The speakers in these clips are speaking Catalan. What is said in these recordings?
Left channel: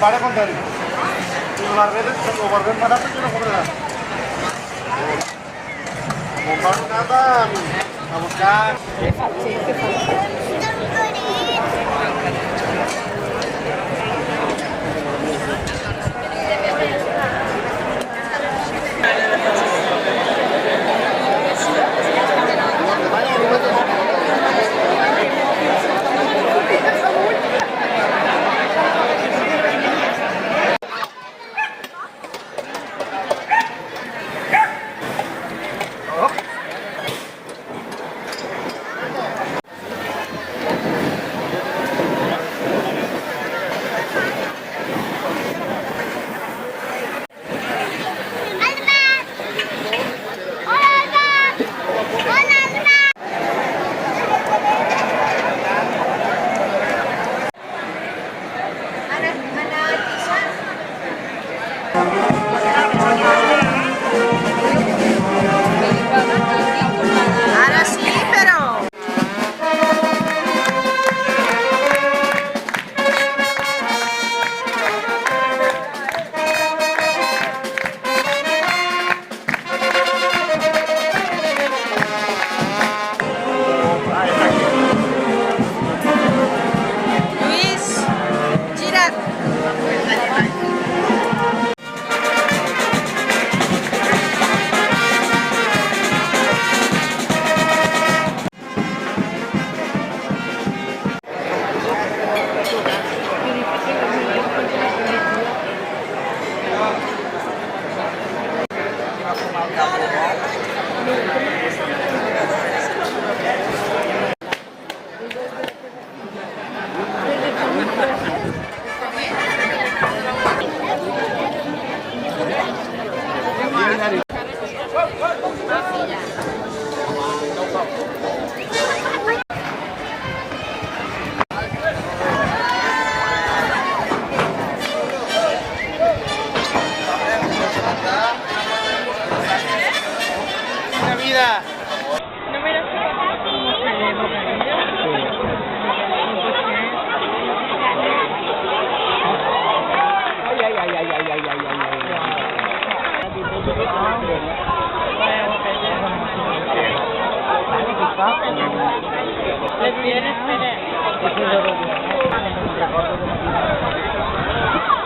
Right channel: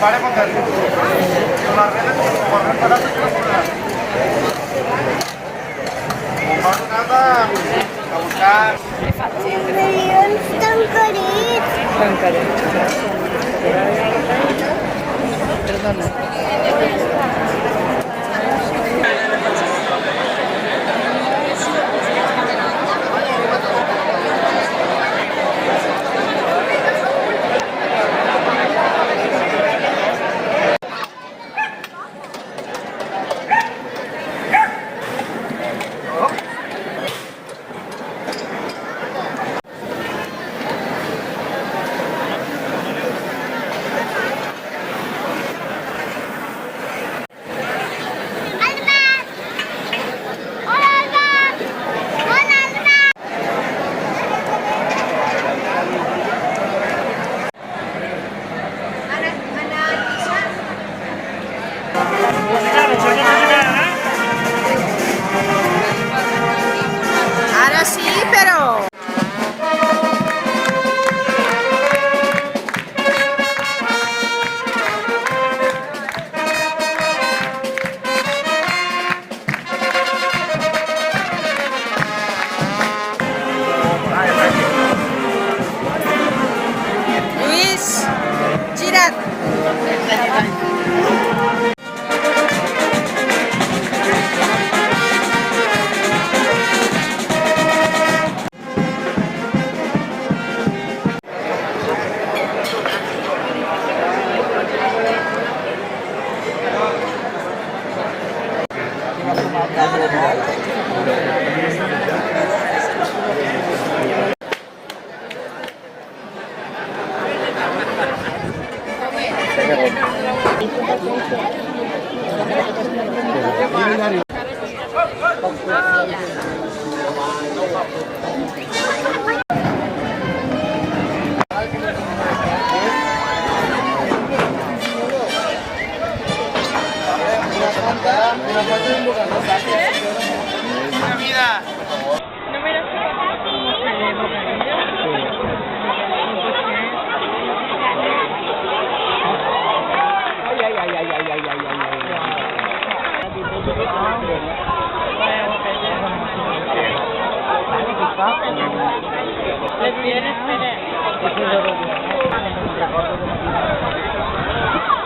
Para contarlo. Guardé para que no correrá. Buscar nada. A buscar. Ahora sí, pero... Luis, gira.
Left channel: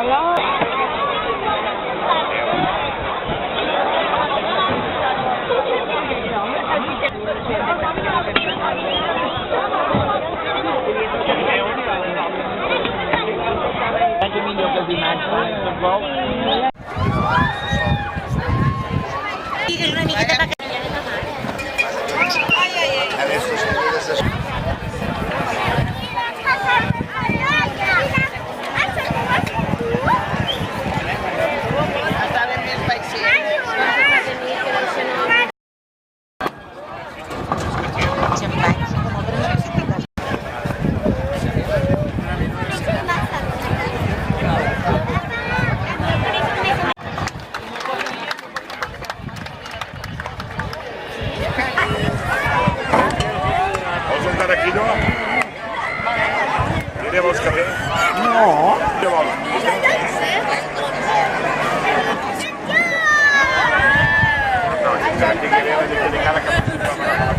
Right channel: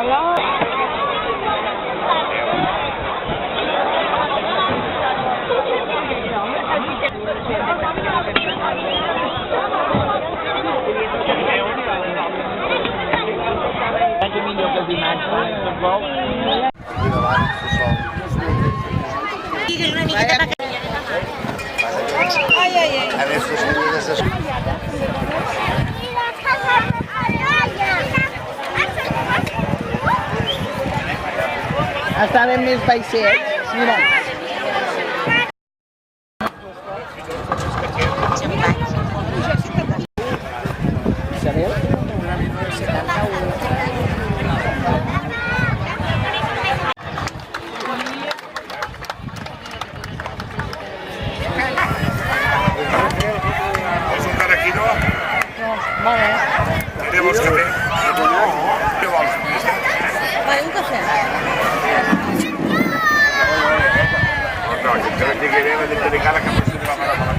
Hola. sisplau. Digues una miqueta per aquí. Ai, ai, ai. A veure si us hauria de ser... Està ben més baixer. Vols un caraquillo? Què vols cafè? No. Què vols? No, si et garantia que ve la gent delicada que passi la mare de la...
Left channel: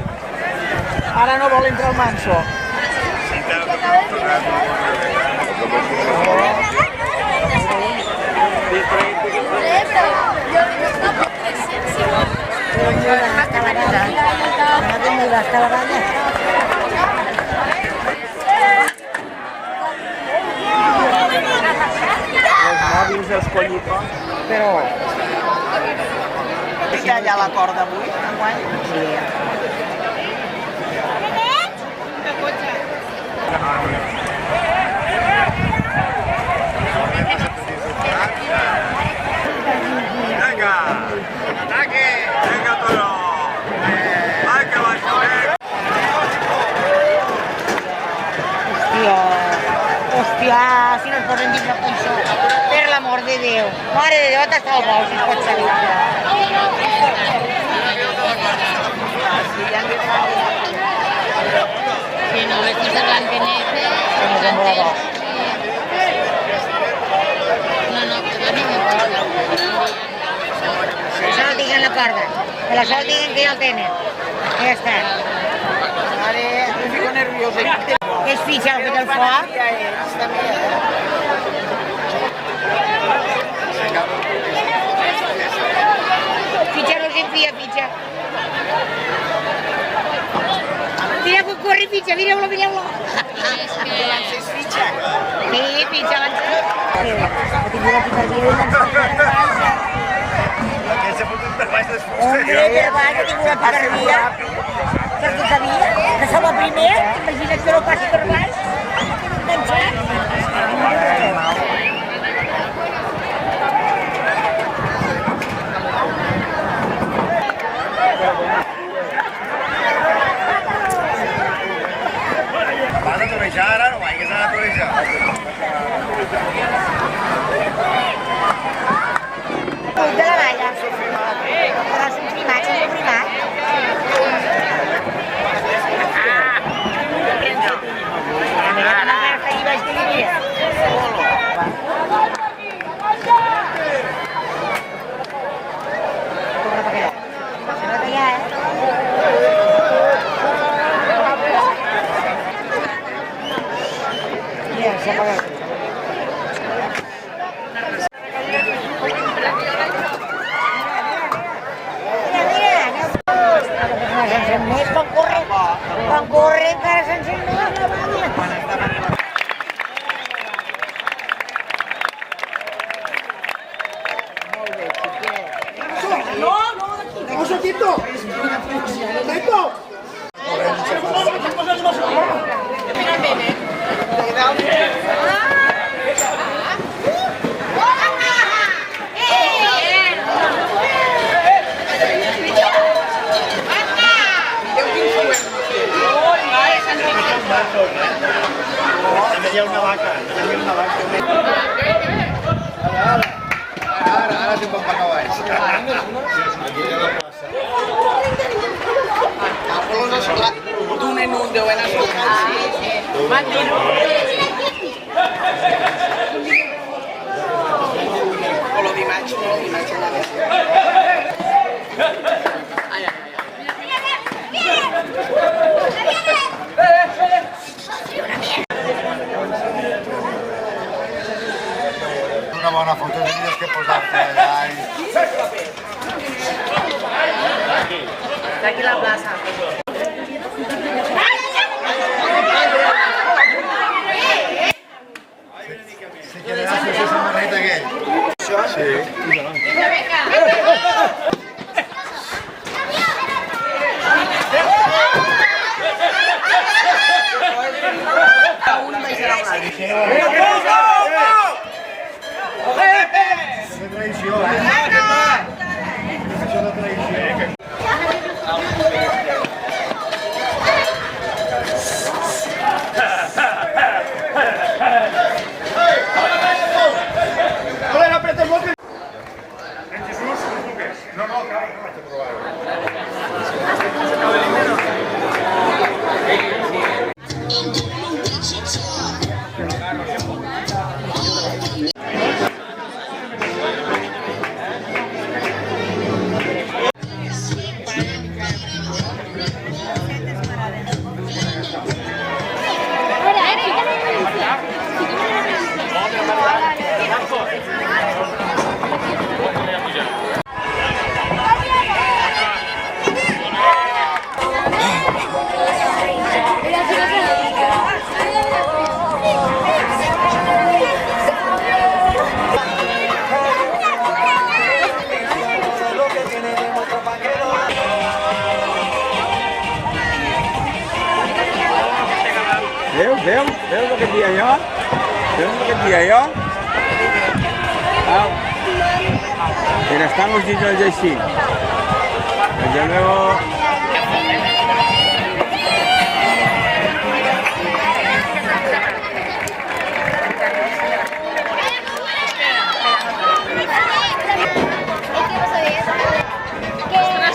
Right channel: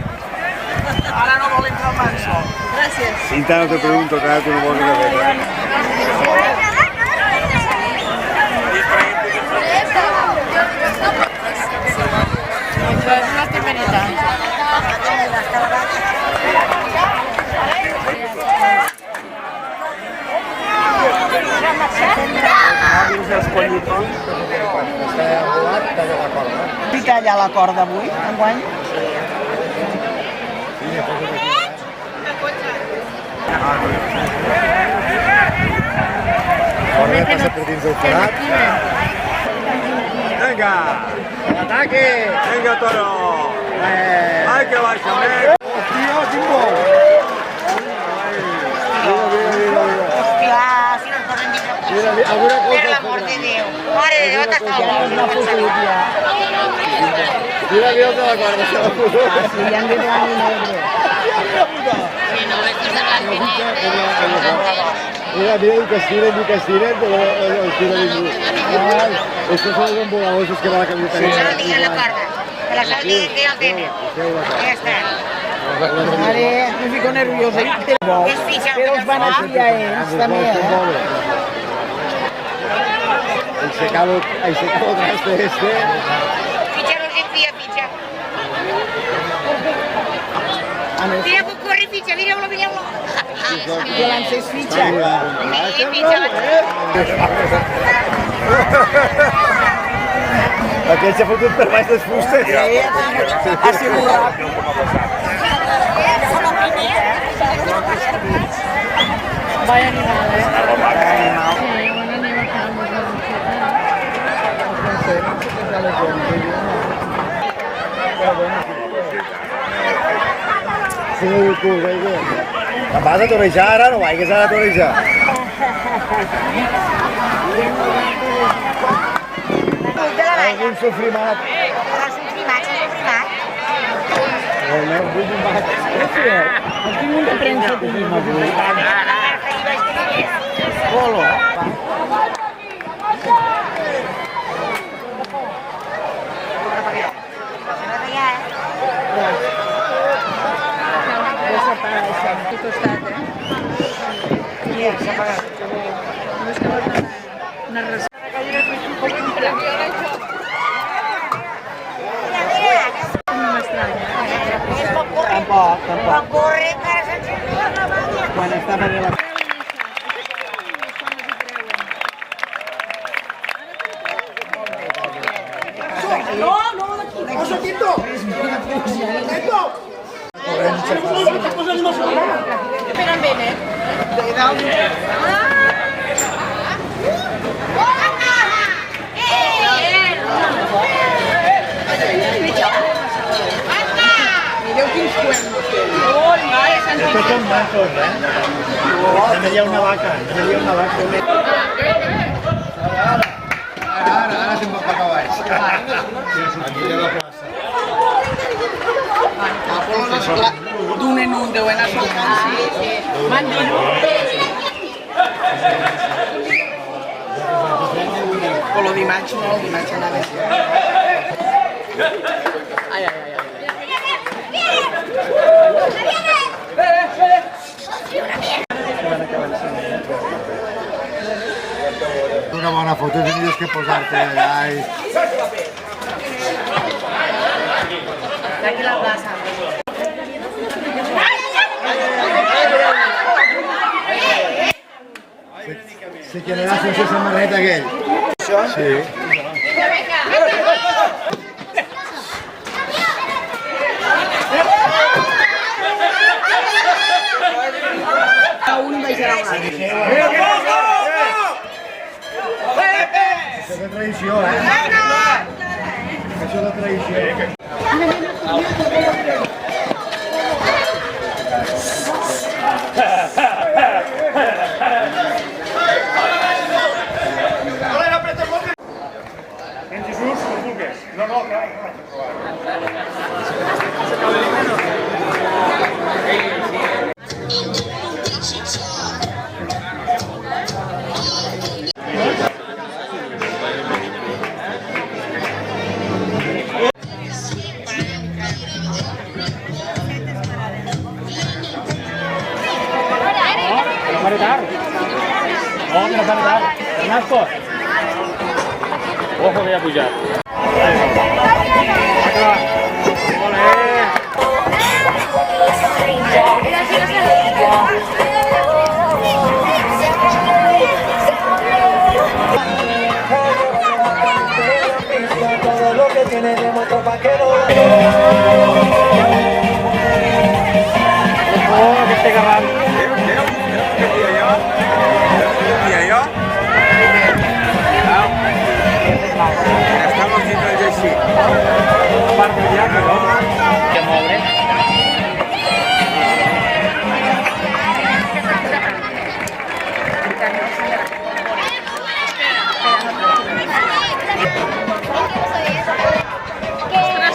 Ara no vol entrar el manso. Si te pregunto, cada tu no vols cafè. Una temerita. Una temerita, caravana. Els mòbils i els collitons, però... Fica allà la corda avui, enguany? Corre, passa per dins del forat. Venga, ataque, venga toro. Ay, que baixo. Hòstia, si no ens poden dir una cosa. Per l'amor de Déu. Mare de Déu, t'estava bo, si no pots salir. Mira, mira que la guarda. Si li han dit blanc i negre. Si no ves que se van de negre, Mira, mira, el castiren, però estos son los voladores que van a que caminar. solo tinguin la corda. Que la sol diguin que ja el tenen. Ja està. Mare, me fico nerviosa. És fitxa el Que que els van a fiar ells, també, Ese cabo este. Fitxa no s'enfia, fitxa. Mira com corre fitxa, mireu-lo, mireu-lo. Que l'encès fitxa. Sí, fitxa l'encès. Aquell s'ha fotut per baix les fustes. Ha sigut ràpid. Que som el primer, imagina't que no passi per baix. Vaya animal. Vas a torejar ara, no vagis a torejar. De la valla. Un sofrimat. Va ser primat, Polo. S'ha apagat. Tampoc. Quan corre encara s'encén. Quan està venint la... Hi ha una vaca. Ara se'n va pagar baix. D'un en un, deu anar soltant, sí. Van de o lo dimarts no, dimarts no anava. Ai, ai, ai. Una bona foto tindries que posar-te allà i... Aquí la plaça. Si tiene la stessa moneta che En Jesús, com vulguis. No, clar, Marcos. Ojo, voy a pujar. todo lo que tiene de muestro pa' que lo Veo lo que decía yo. Veo lo que decía yo. Mira, estamos viendo el Jesse. Ya luego.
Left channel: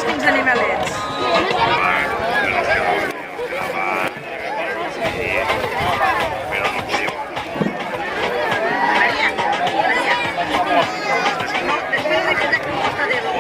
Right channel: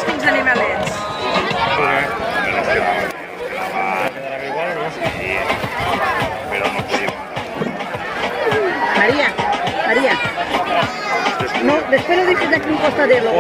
Quins animalets. Maria, Maria. No, després ho dic aquí un costadero.